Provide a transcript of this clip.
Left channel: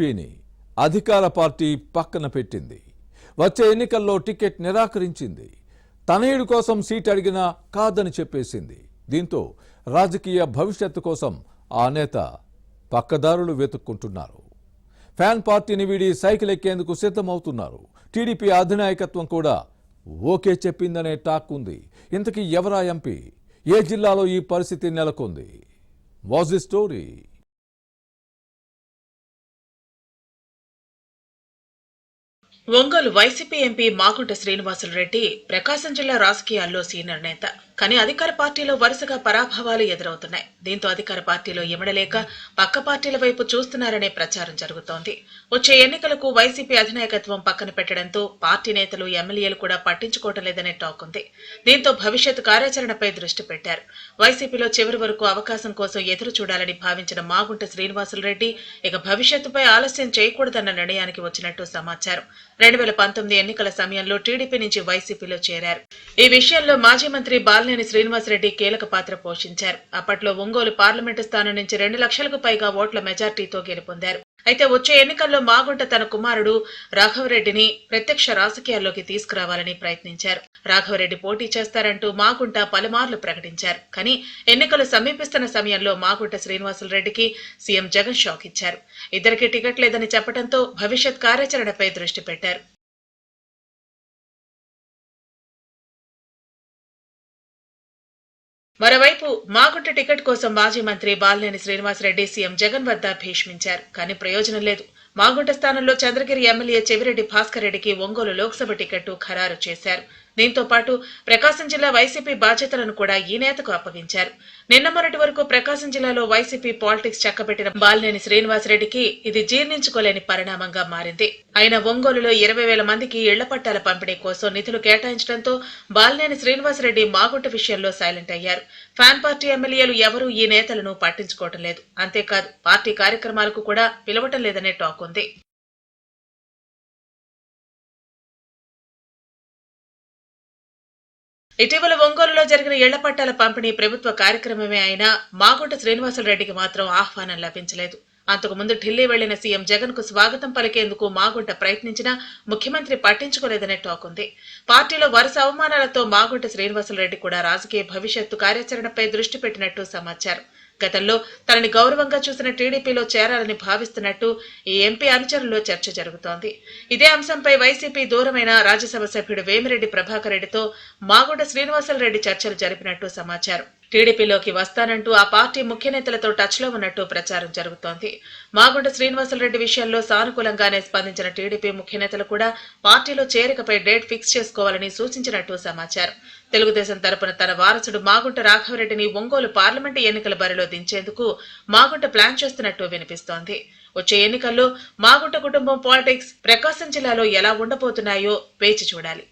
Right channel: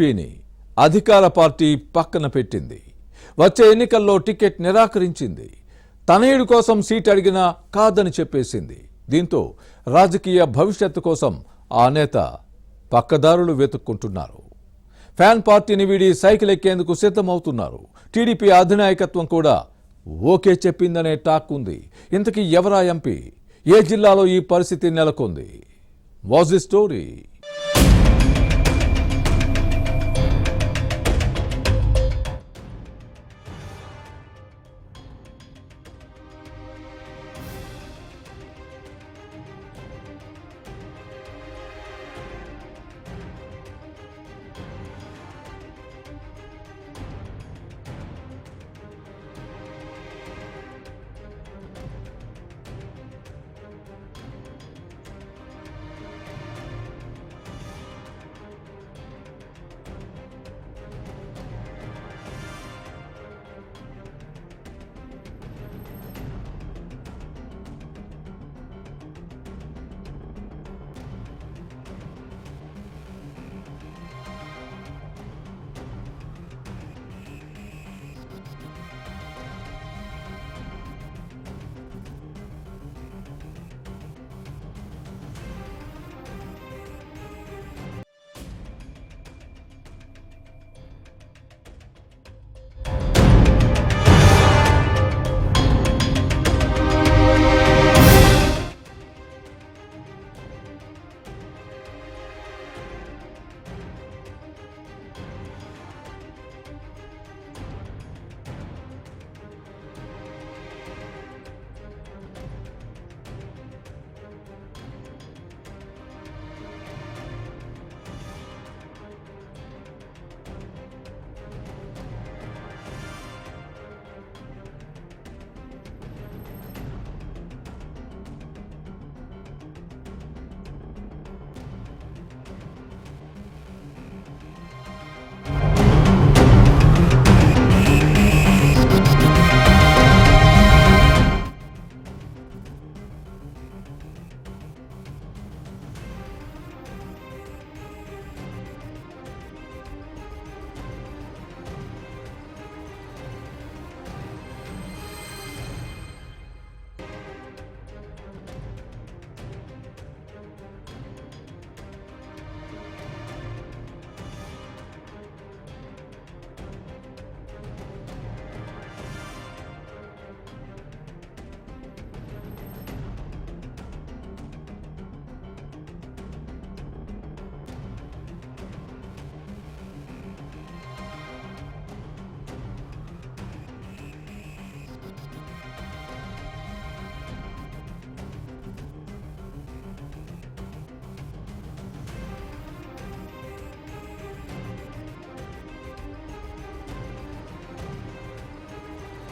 టీడీపీని అధికార పార్టీ పక్కన పెట్టింది. వచ్చే ఎన్నికల్లో టికెట్ నిరాకరించింది. తనయుడి కోసం సీట్ అడిగినా కాదని చెప్పేసింది. దీంతో రాజకీయ భవిష్యత్తు కోసం ఆ నేత పక్కదారులు వెతుక్కుంటున్నారు. ఫ్యాన్ పార్టీని వీడి సైకిల్ ఎక్కేందుకు సిద్ధమవుతున్నారు. టీడీపీ అధినాయకత్వం కూడా ఓకే చెప్పిందనే టాక్ ఉంది. ఇంతకీ ఎవరా ఎంపీ? ఏ జిల్లాలో ఈ పరిస్థితి నెలకొంది? Was the story? Ongole YCP MP Magunta Srinivasulu Reddy Prakasam జిల్లా రాజకీయాల్లో సీనియర్ నేత. కానీ అధికార పార్టీలో వరుసగా పరాభవాలు ఎదురవుతున్నాయి. దీంతో అధికార పార్టీలో ఇమడలేక పక్క పార్టీల వైపు చూస్తున్నారనే ప్రచారం జరుగుతోంది. వచ్చే ఎన్నికలకు వైసీపీ అధినాయకత్వం పక్కన పెట్టడంతో పార్టీ నేతలు ఎమ్మెల్యేలు కూడా పట్టించుకోవటం లేదనే టాక్ ఉంది. దీంతో భవిష్యత్ కార్యాచరణపై దృష్టి పెట్టారు. వైసీపీలో చివరి వరకు అవకాశం కోసం ఎదురు చూడాలని భావించిన మాగుంట శ్రీనివాసులరెడ్డి ఇక భవిష్యత్తుపై ఆలస్యం చేయకూడదన్న నిర్ణయానికి వచ్చినట్టు సమాచారం. 2019 ఎన్నికల సమయంలో టీడీపీ నుంచి వైసీపీలో చేరారు. ఈ విషయంలో మాజీ మంత్రి బాలినేని శ్రీనివాసరెడ్డి కీలక పాత్ర పోషించారు. అప్పట్లో ఒంగోలు పార్లమెంటు స్థానం నుంచి 2 లక్షలకు పైగా ఓట్ల మెజార్టీతో గెలుపొందారు. అయితే వచ్చే ఎన్నికల్లో మాగుంట తన కుమారుడు రాఘవరెడ్డిని ప్రత్యక్ష రాజకీయాల్లోకి తీసుకురావాలని ప్రయత్నించారు. రాఘవరెడ్డి పోటీ చేస్తారంటూ మాగుంట పలుమార్లు ప్రకటించారు. కానీ ఎన్నికలు సమీపిస్తున్న సమయంలో మాగుంట శ్రీనివాసులరెడ్డికి సీఎం జగన్ షాక్ ఇచ్చారు. ఇద్దరికి టికెట్ లేదని చెప్పడంతో భవిష్యత్ కార్యాచరణపై దృష్టి పెట్టారు. మరోవైపు మాగుంట టికెట్ కోసం మాజీ మంత్రి బాలినేని శ్రీనివాసరెడ్డి సీఎం జగన్ వద్ద భీష్మించారు. కానీ ప్రయోజనం లేదు. మాగుంట స్థానంలో చంద్రగిరి ఎమ్మెల్యే చెవిరెడ్డి భాస్కర్ రెడ్డికి ఒంగోలు లోక్సభ టికెట్టు ఖరారు చేశారు. దీంతో పాటు ప్రకాశం జిల్లా వైసీపీ బాధ్యతలను కూడా ఈ నేతకు అప్పగించారు. నిన్న మొన్నటి వరకు ప్రకాశం జిల్లాలో వైసీపీ పాలిటిక్స్ చక్కబెట్టిన బాలినేని శ్రీనివాసరెడ్డికి ఇది జీర్ణించుకోలేని పరిణామంగా మారింది. అయినా ఒంగోలులో 20,000 మందికి ఇళ్ల పట్టాల పంపిణీ కోసం నిధులు కేటాయించడంతో బాలినేని శ్రీనివాసరెడ్డి మాగుంట విషయంలో సైలెంట్ అయ్యారు. ఫ్యాన్ పార్టీ ఎమ్మెల్యేలు ఎవరూ ఈ నేతలను పట్టించుకోవటం లేదు. అంతేకాదు పార్టీ కార్యక్రమాలకు కూడా పిలవటం లేదనే టాక్ ఉంది. ఇటీవల ఒంగోలులో జరిగిన ఇళ్ల పట్టాల పంపిణీ ప్రభుత్వ కార్యక్రమమే అయినా మాగుంట శ్రీనివాసులరెడ్డికి మాత్రం ఆహ్వానం లభించలేదు. అంతకుముందు ఢిల్లీ వెళ్లిన సీఎం జగన్ కు స్వాగతం పలికేందుకు మాగుంట ప్రయత్నించినా ముఖ్యమంత్రి పట్టించుకోలేదనే టాక్ ఉంది. పార్టీలో వరుస అవమానాలతో మాగుంట శ్రీనివాసులరెడ్డి కూడా రాజకీయ భవిష్యత్తు కార్యాచరణపై దృష్టి పెట్టినట్టు సమాచారం. గతంలో తనని గౌరవంగా చూసిన టీడీపీలో చేరాలని భావిస్తున్నట్టు ఈ ఎంపీ అనుచరుల్లో చర్చ జరుగుతోంది. ఇదే అంశంపై వైసీపీ దూరమైన రాజ్యసభ సభ్యుడు వేమిరెడ్డి ప్రభాకర్ రెడ్డితో మాగుంట శ్రీనివాసులరెడ్డి చర్చలు జరిపినట్టు సమాచారం. టీడీపీలోకి వస్తానంటూ ఆ పార్టీ ముఖ్య నేతలతో టచ్ లో ఉన్నట్టు ప్రచారం జరుగుతోంది. మాగుంట శ్రీనివాసులరెడ్డి విషయంలో సానుకూలంగానే స్పందించిన టీడీపీ ముఖ్య నేతలు కూడా పార్టీలో చేరికపై డేట్ ఫిక్స్ చేసుకోవాలని సూచించినట్టు సమాచారం. తెలుగుదేశం తరపున తన వారసుడు మాగుంట రాఘవరెడ్డిని ఒంగోలు పార్లమెంటు ఎన్నికల బరిలో దించేందుకు మాగుంట ప్లాన్ చేస్తున్నట్టు వినిపిస్తోంది. వచ్చే ఎన్నికల్లో మాగుంట కుటుంబం పాలిటిక్స్ ప్రకాశం జిల్లాలో ఎలా ఉండబోతున్నాయో వేచి చూడాలి.